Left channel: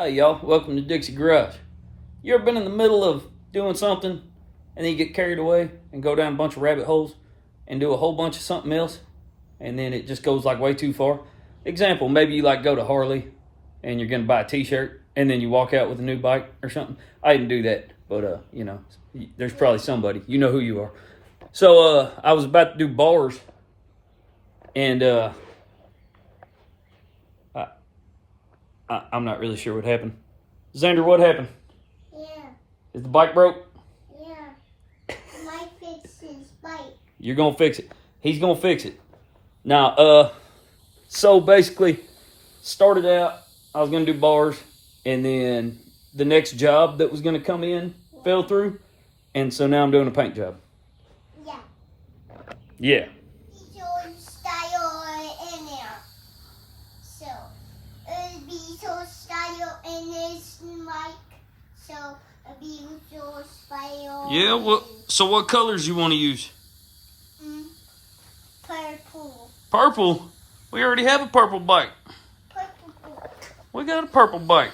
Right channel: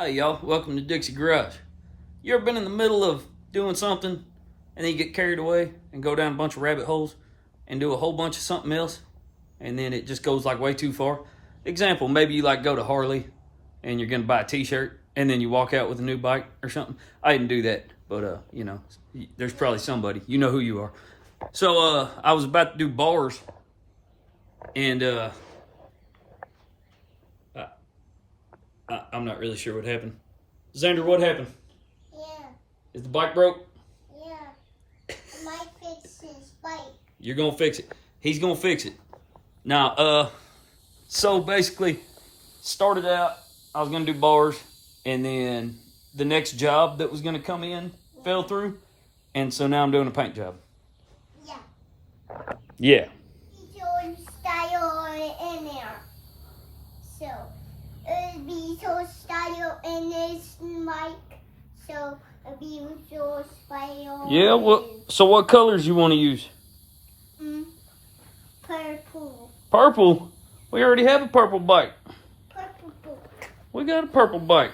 Hey y'all, welcome to Dixie Garage. You ever been in the middle of doing something and then you get carried away and go down a bunch of rabbit holes and do a whole bunch of something else and then it just goes like way too far? Example, maybe you like go to Harley and you're gonna buy a t-shirt and then you walk out with a new bike or something. I didn't do that, but there's probably somebody, you know who you are. So I was about to do bars and I'm not really sure what happened. Xander, what happened? Yeah. Is the bike broke? Yeah. Mike fixed his bike. You're gonna fix it. He's gonna fix it. Now, so basically, started out, I was gonna do bars, and then the next job that was gonna come in fell through, and so now I'm doing a paint job. Yeah. Yeah. He's doing style in there. So, it'll be so style in this mic. So, it'll be so style. Yeah, so what colors you want to use? Purple. Purple? We already have a purple bike. Purple. We got a purple bike.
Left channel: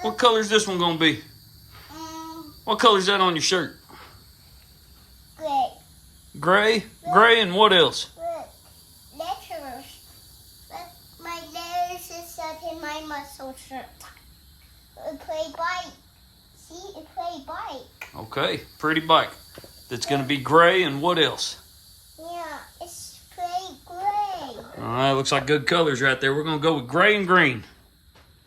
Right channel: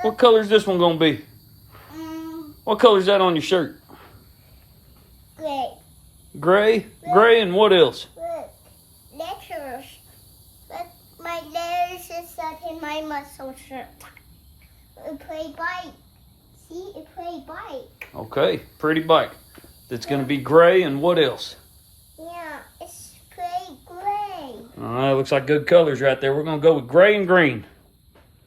What color's this one gonna be? What color's that on your shirt? Gray. Gray? Gray and what else? Look, letters. Look, my letters is stuck in my muscle shirt. It play bike. See, it play bike. Okay, pretty bike. That's gonna be gray and what else? Yeah, it's play gray. All right, looks like good colors right there. We're gonna go with gray and green.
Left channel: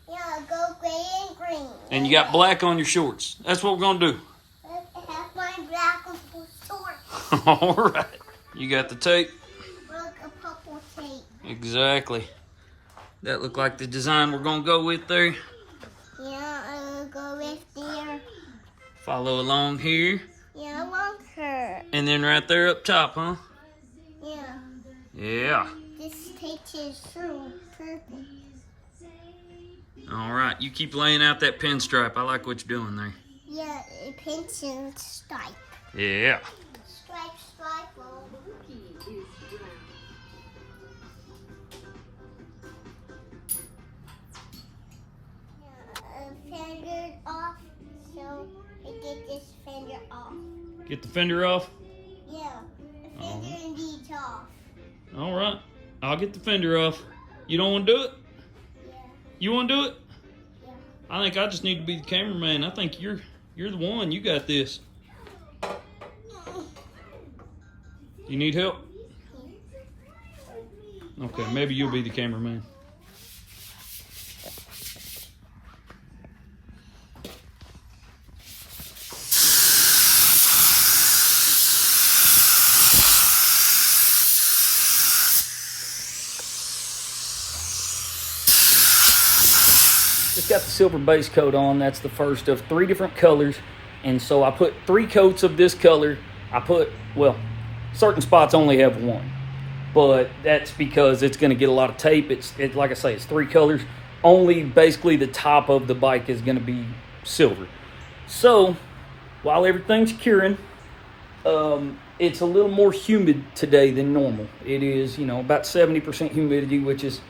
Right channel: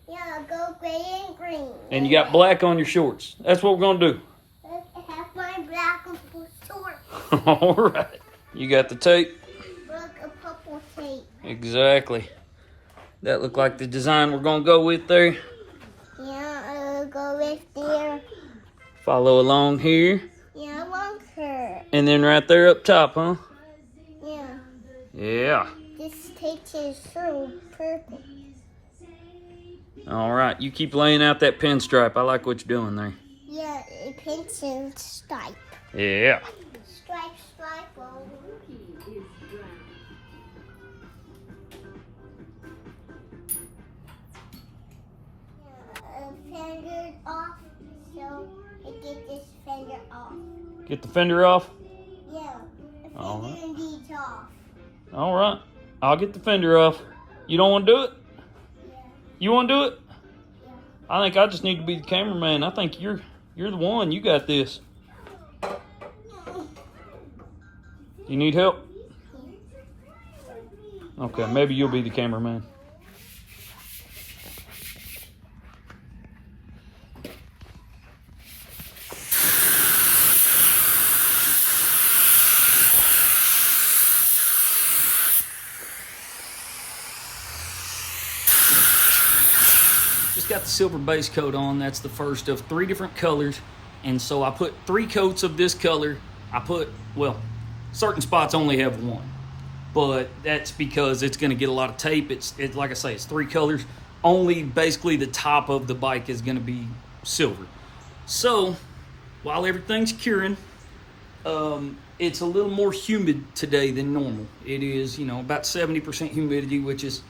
Yeah, go gray and green. And you got black on your shorts. That's what we're gonna do. I have my black and blue shorts. All right. You got the tape? Look, a purple tape. Exactly. That looked like the design we're gonna go with there. Yeah, I'll go right there. Follow along here. Yeah, I want her. And then right there up top, huh? Yeah. Yeah. This tape is so perfect. All right, you keep laying out that pinstripe. I like what you're doing there. Yeah, a pencil stripe. Yeah. Stripe, oh. Yeah, fender off, so I get this fender off. Get the fender off? Yeah, the All fender needs off. All right. I'll get the fender off. You don't want to do it? Yeah, You want to do it? yeah. I think I just need to be the cameraman. I think you're the one. You got this. You need help? Okay, maybe you'll be the cameraman. Just got the silver base coat on. That's the first of 3 different colors. And so I put 3 coats of this color. Certain spots only have 1. But that's because it's going to get a lot of tape. It's like I say, it's 3 colors. Only basically the top of the bike is going to be silver. So while everything's curing, it's a little more humid today than normal. It is, about 70% humidity, which is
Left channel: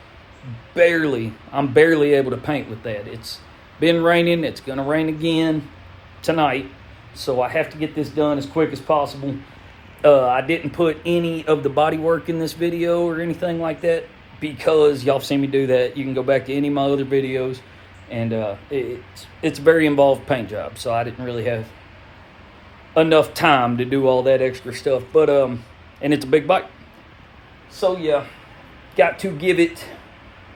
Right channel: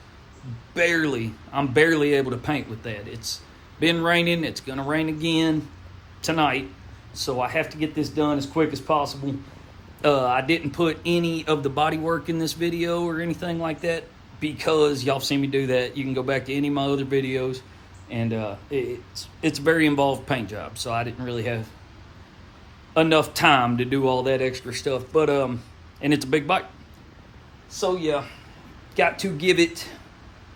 I'm barely able to paint with that. It's been raining. It's going to rain again tonight. So I have to get this done as quick as possible. I didn't put any of the body work in this video or anything like that because y'all seen me do that. You can go back to any of my other videos, and it's a very involved paint job, so I didn't really have enough time to do all that extra stuff. But and it's a big bike, so yeah, got to give it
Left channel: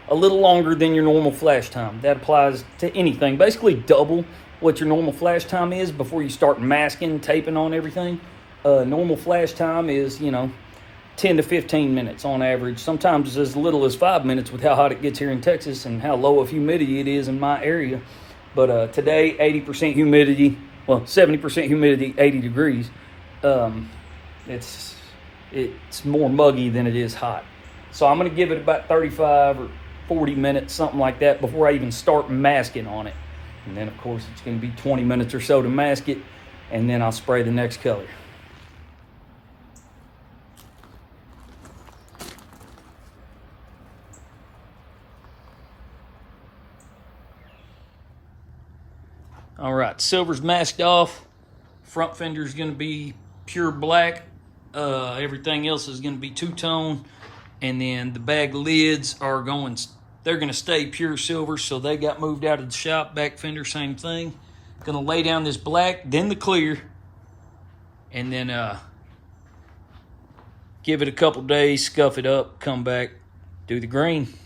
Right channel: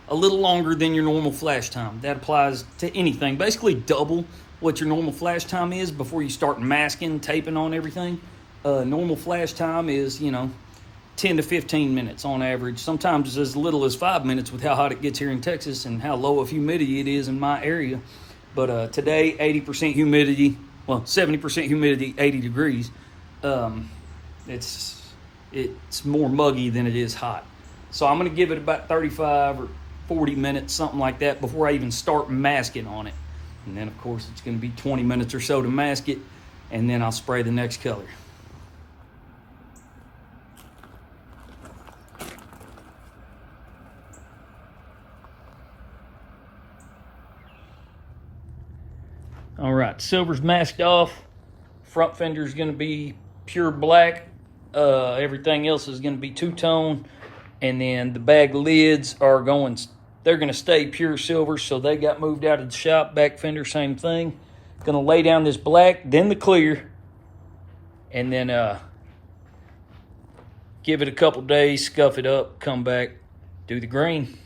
a little longer than your normal flash time. That applies to anything. Basically double what your normal flash time is before you start masking, taping on everything. Normal flash time is, 10 to 15 minutes on average. Sometimes as little as 5 minutes with how hot it gets here in Texas and how low of humidity it is in my area. But today, 80% humidity, 70% humidity, 80 degrees. It's more muggy than it is hot. So I'm going to give it about 35 or 40 minutes, something like that, before I even start masking on it. And then, of course, it's going to be 20 minutes or so to mask it, and then I'll spray the next color. All right, silver's masked off. Front fender's gonna be pure black. Everything else is gonna be two-tone. And then the bag lids are they're gonna stay pure silver, so they got moved out of the shop. Back fender, same thing. Gonna lay down this black, then the clear, and then give it a couple days, scuff it up, come back, do the green.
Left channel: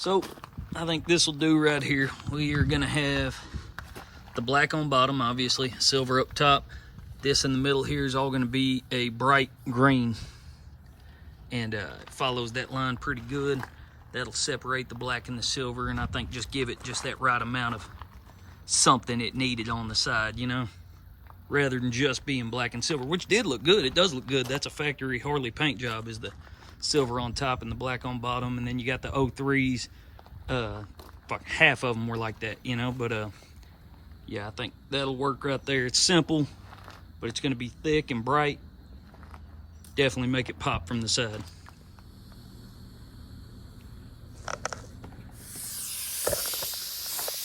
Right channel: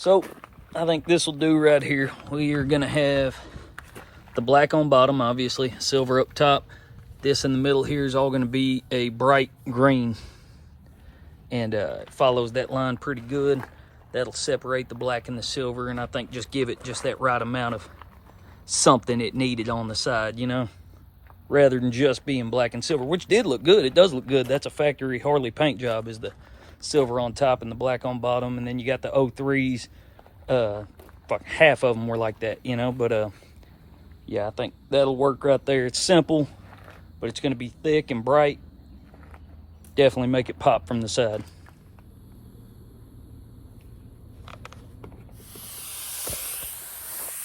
So I think this will do right here. We are gonna have the black on bottom, obviously, silver up top. This in the middle here is all gonna be a bright green. And it follows that line pretty good. That'll separate the black and the silver, and I think just give it just that right amount of something it needed on the side, you know? Rather than just being black and silver, which did look good. It does look good. That's a factory Harley paint job, is the silver on top and the black on bottom. And then you got the 03s. Half of them were like that, you know? But yeah, I think that'll work right there. It's simple, but it's going to be thick and bright. Definitely make it pop from the side.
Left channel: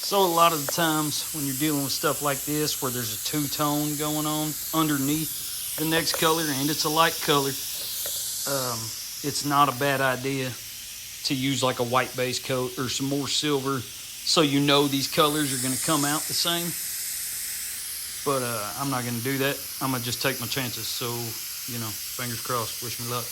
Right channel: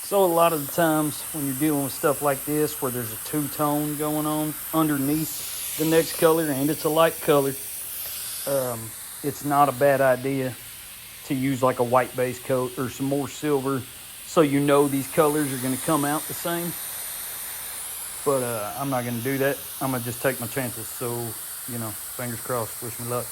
So a lot of the times when you're dealing with stuff like this, where there's a two-tone going on underneath the next color, and it's a light color, it's not a bad idea to use like a white base coat or some more silver, so you know these colors are going to come out the same. But I'm not going to do that. I'm going to just take my chances. So, you know, fingers crossed. Wish me luck.